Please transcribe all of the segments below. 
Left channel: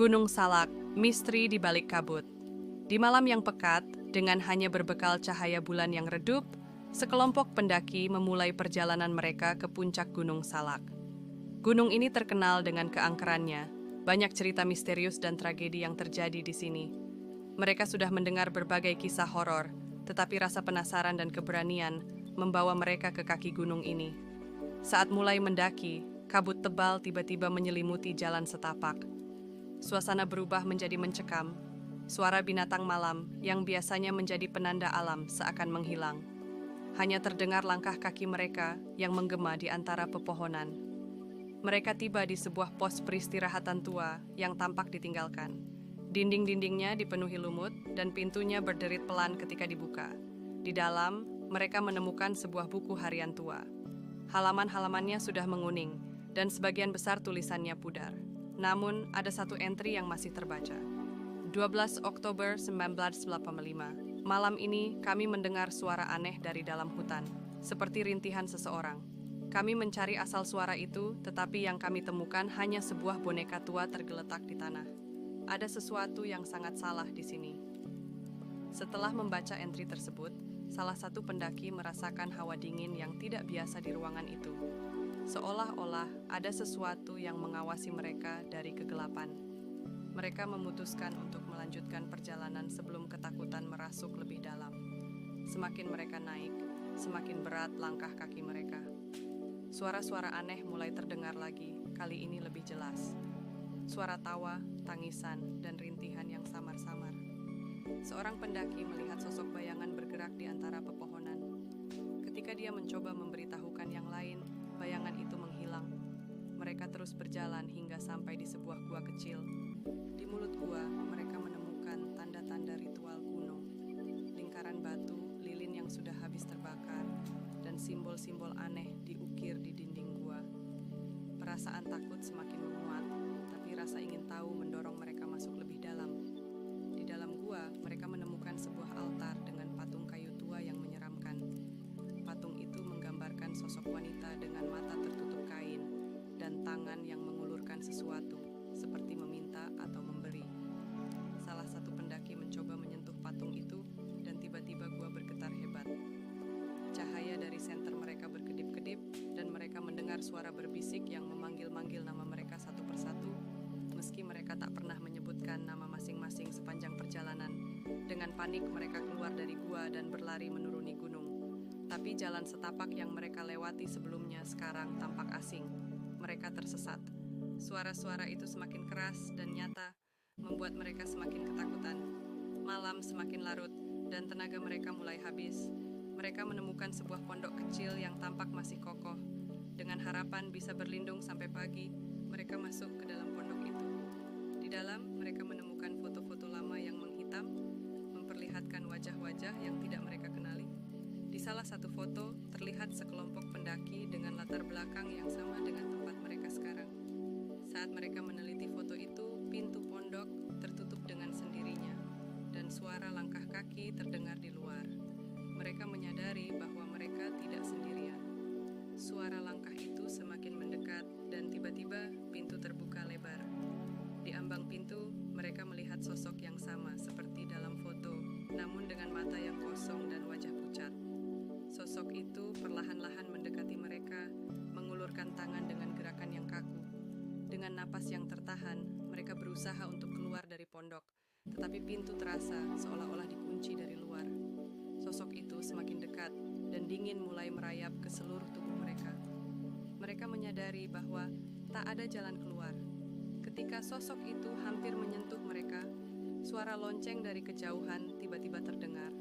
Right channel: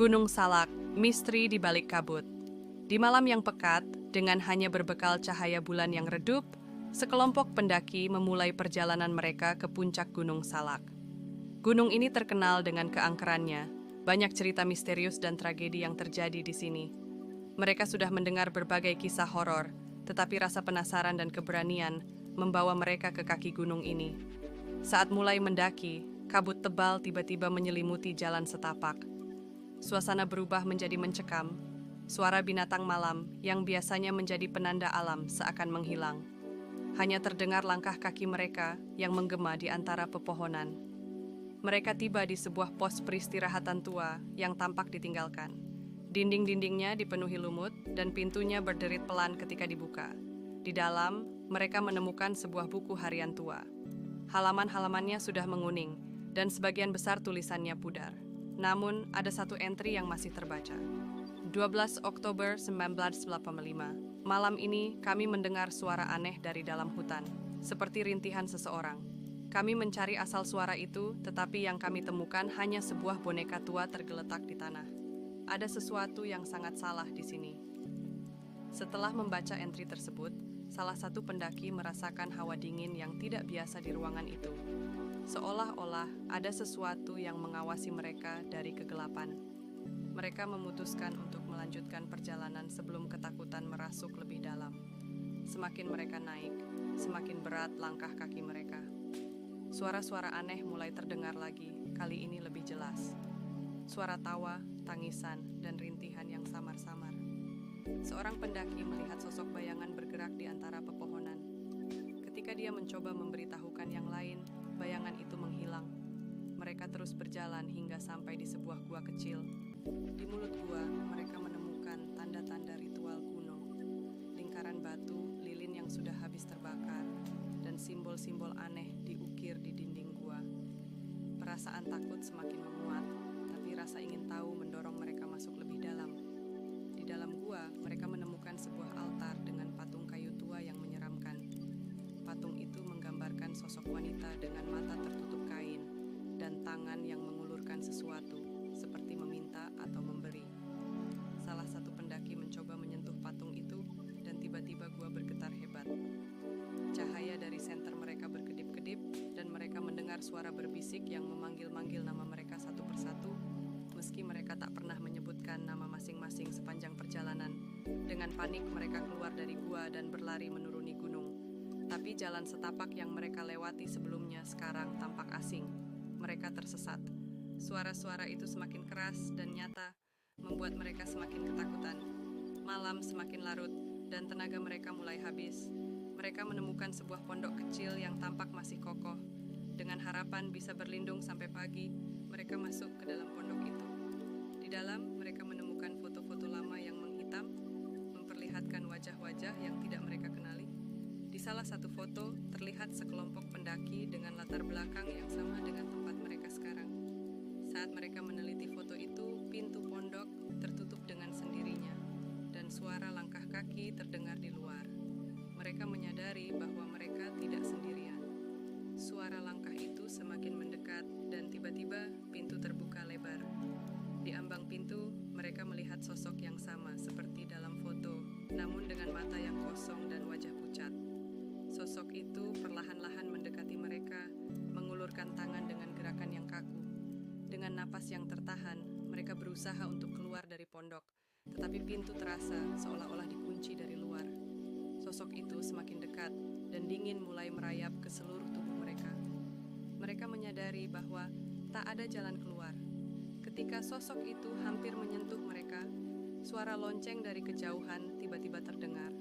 Gunung Salak, misteri di balik kabut. Di malam yang pekat, dengan hanya berbekal cahaya bulan yang redup, sekelompok pendaki memulai perjalanan mereka ke puncak Gunung Salak. Gunung ini terkenal dengan keangkerannya, banyak cerita misterius dan tragedi yang terjadi di sini. Mereka sudah mendengar berbagai kisah horor, tetapi rasa penasaran dan keberanian membawa mereka ke kaki gunung ini. Saat mulai mendaki, kabut tebal tiba-tiba menyelimuti jalan setapak. Suasana berubah menjadi mencekam. Suara binatang malam yang biasanya menjadi penanda alam seakan menghilang. Hanya terdengar langkah kaki mereka yang menggema di antara pepohonan. Mereka tiba di sebuah pos peristirahatan tua yang tampak ditinggalkan. Dinding-dindingnya dipenuhi lumut dan pintunya berderit pelan ketika dibuka. Di dalam, mereka menemukan sebuah buku harian tua. Halaman-halamannya sudah menguning dan sebagian besar tulisannya pudar. Namun, ada satu entry yang masih terbaca. 12 Oktober 1985. Malam ini, kami mendengar suara aneh dari dalam hutan, seperti rintihan seseorang. Kami mencari asal suara itu, tetapi yang kami temukan hanya sebuah boneka tua tergeletak di tanah. Ada sesuatu yang sangat salah di sini. Setelah membaca entry tersebut, salah satu pendaki merasakan hawa dingin yang tidak biasa di ruangan itu. Seolah-olah ada sesuatu yang mengawasi mereka dari kegelapan. Mereka memutuskan untuk melanjutkan perjalanan sebelum ketakutan merasuk lebih dalam. Semakin mereka naik, semakin berat langkah kaki mereka. Suara-suara aneh mulai terdengar lagi, kali ini lebih jelas. Suara tawa, tangisan, dan rintihan yang samar-samar. Seorang pendaki melihat sosok bayangan bergerak di antara pepohonan. Ketika dia mencoba memberitahukan yang lain, bayangan itu menghilang. Mereka terus berjalan hingga sampai di sebuah gua kecil. Di mulut gua, mereka menemukan tanda-tanda ritual kuno. Lingkaran batu, lilin yang sudah habis terbakar, dan simbol-simbol aneh diukir di dinding gua. Perasaan takut semakin menguat, tapi rasa ingin tahu mendorong mereka masuk lebih dalam. Di dalam gua, mereka menemukan sebuah altar dengan patung kayu tua yang menyeramkan. Patung itu menggambarkan sosok wanita dengan mata tertutup kain dan tangan yang mengulurkan sesuatu, seperti meminta atau memberi. Salah satu pendaki mencoba menyentuh patung itu dan tiba-tiba gua bergetar hebat. Cahaya dari senter mereka berkedip-kedip dan mereka mendengar suara berbisik yang memanggil-manggil nama mereka satu persatu, meski mereka tak pernah menyebutkan nama masing-masing sepanjang perjalanan. Dengan panik mereka keluar dari gua dan berlari menuruni gunung. Tapi jalan setapak yang mereka lewati sebelumnya sekarang tampak asing. Mereka tersesat. Suara-suara itu semakin keras dan nyata, membuat mereka semakin ketakutan. Malam semakin larut, dan tenaga mereka mulai habis. Mereka menemukan sebuah pondok kecil yang tampak masih kokoh. Dengan harapan bisa berlindung sampai pagi, mereka masuk ke dalam pondok itu. Di dalam, mereka menemukan foto-foto lama yang menghitam, memperlihatkan wajah-wajah yang tidak mereka kenali. Di salah satu foto, terlihat sekelompok pendaki dengan latar belakang yang sama dengan tempat mereka sekarang. Saat mereka meneliti foto itu, pintu pondok tertutup dengan sendirinya, dan suara langkah kaki terdengar di luar. Mereka menyadari bahwa mereka tidak sendirian. Suara langkah itu semakin mendekat, dan tiba-tiba pintu terbuka lebar. Di ambang pintu, mereka melihat sosok yang sama seperti dalam foto, namun dengan mata yang kosong dan wajah pucat. Sosok itu perlahan-lahan mendekati mereka, mengulurkan tangan dengan gerakan yang kaku. Dengan napas yang tertahan, mereka berusaha untuk keluar dari pondok, tetapi pintu terasa seolah-olah dikunci dari luar. Sosok itu semakin dekat, dan dingin mulai merayap ke seluruh tubuh mereka. Mereka menyadari bahwa tak ada jalan keluar. Ketika sosok itu hampir menyentuh mereka, suara lonceng dari kejauhan tiba-tiba terdengar.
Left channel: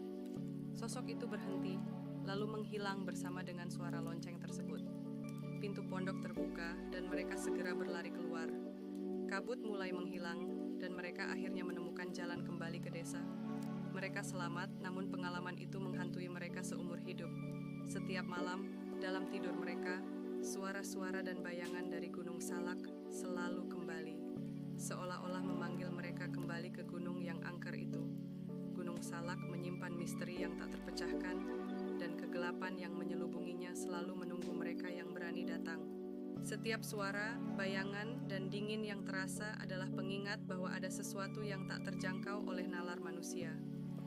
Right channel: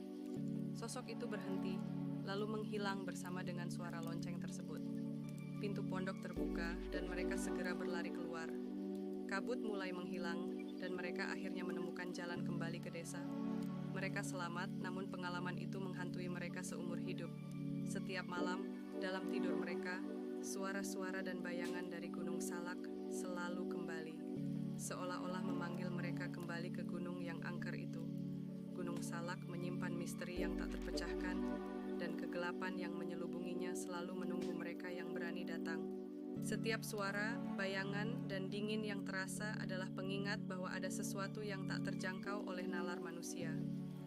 Sosok itu berhenti, lalu menghilang bersama dengan suara lonceng tersebut. Pintu pondok terbuka dan mereka segera berlari keluar. Kabut mulai menghilang dan mereka akhirnya menemukan jalan kembali ke desa. Mereka selamat, namun pengalaman itu menghantui mereka seumur hidup. Setiap malam, dalam tidur mereka, suara-suara dan bayangan dari Gunung Salak selalu kembali, seolah-olah memanggil mereka kembali ke gunung yang angker itu. Gunung Salak menyimpan misteri yang tak terpecahkan, dan kegelapan yang menyelubunginya selalu menunggu mereka yang berani datang. Setiap suara, bayangan, dan dingin yang terasa adalah pengingat bahwa ada sesuatu yang tak terjangkau oleh nalar manusia.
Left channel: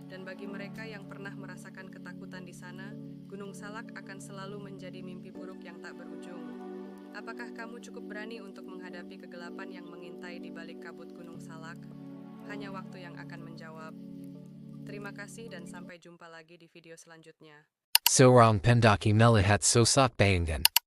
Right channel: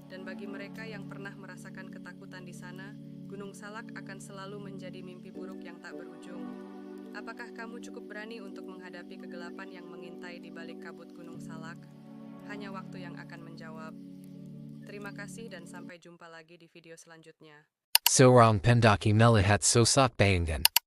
Dan bagi mereka yang pernah merasakan ketakutan di sana, Gunung Salak akan selalu menjadi mimpi buruk yang tak berujung. Apakah kamu cukup berani untuk menghadapi kegelapan yang mengintai di balik kabut Gunung Salak? Hanya waktu yang akan menjawab. Terima kasih dan sampai jumpa lagi di video selanjutnya. Seorang pendaki melihat sosok bayangan.